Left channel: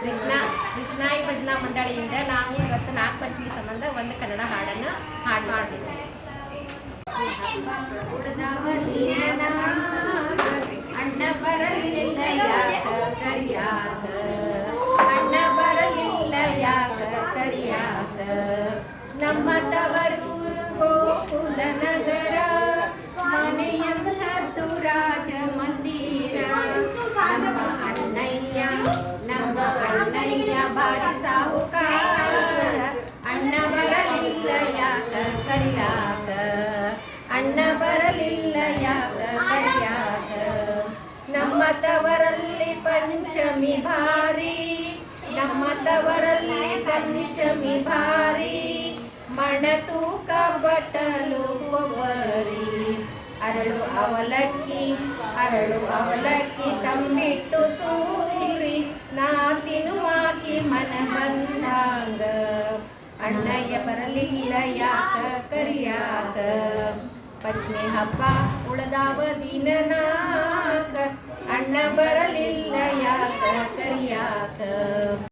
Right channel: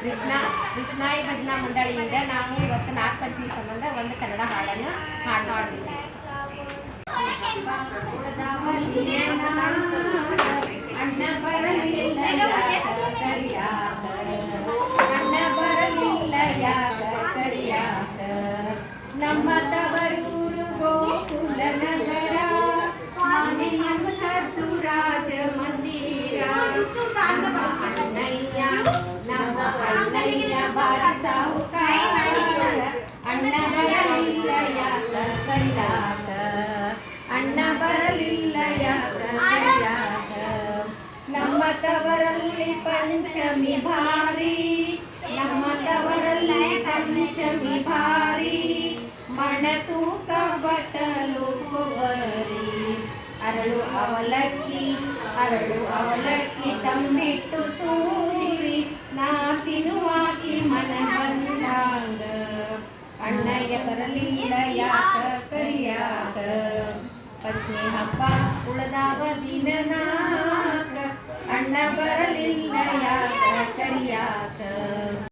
ಕೃಷ್ಣಾಯಿ ಭಜನಾ ಮಂಡಳಿಯಿಂದ ನಾವು ಇವತ್ತು ನಾಗಪಂಚಮಿ ಸಂಬಂಧ ಒಂದು ಕನ್ನಡ ಹಾಡನ್ನು ಹಾಡ್ತೀವಿ. ಅಣ್ಣ ಬರಲಿಲ್ಲ ಕರಿಯಾಕ, ಅಣ್ಣ ಬರಲಿಲ್ಲ ಯಾಕ ಕರಿಯಾಕ, ನಮ್ಮ ತವರೂರು ಗೋಕುಲ ನಗರ, ಮನೆಯಂಥದ್ದು ರಾಜ ಮಂದಿರ, ನಮ್ಮ ಅಣ್ಣಯ್ಯ ಬಾರಿ ಸಾಹುಕಾರ, ಅಣ್ಣ ಬರಲಿಲ್ಲ ಯಾಕ ಕರಿಯಾಕ, ಅಣ್ಣ ಬರಲಿಲ್ಲ ಯಾಕ ಕರಿಯಾಕ, ನಮ್ಮ ತವರಲ್ಲಿ ಪಂಚಮಿ ಭಾರಿ, ನಮ್ಮ ತವರಲ್ಲಿ ಪಂಚಮಿ ಭಾರಿ, ಮಣತೂಕ ಬಟ್ಟಲು ಕೊಬ್ಬರಿ, ಅರಳು ಅವಲಕ್ಕಿ ತಂಬಿಟ್ಟು ಸೂರಿ, ನಾ ತಿನ್ನುವಾಕಿ ಮನ ಬಂದಂಗ, ಅಣ್ಣಯ್ಯ ಬರಲಿಲ್ಲ ಯಾಕ ಕರಿಯಾಕ, ಪಂಚಮಿ ಹಬ್ಬ ಉಳದಾವ ದಿನ ನಾಕ, ಅಣ್ಣ ಬರಲಿಲ್ಲ ಯಾಕ ಕರಿಯಾಕ.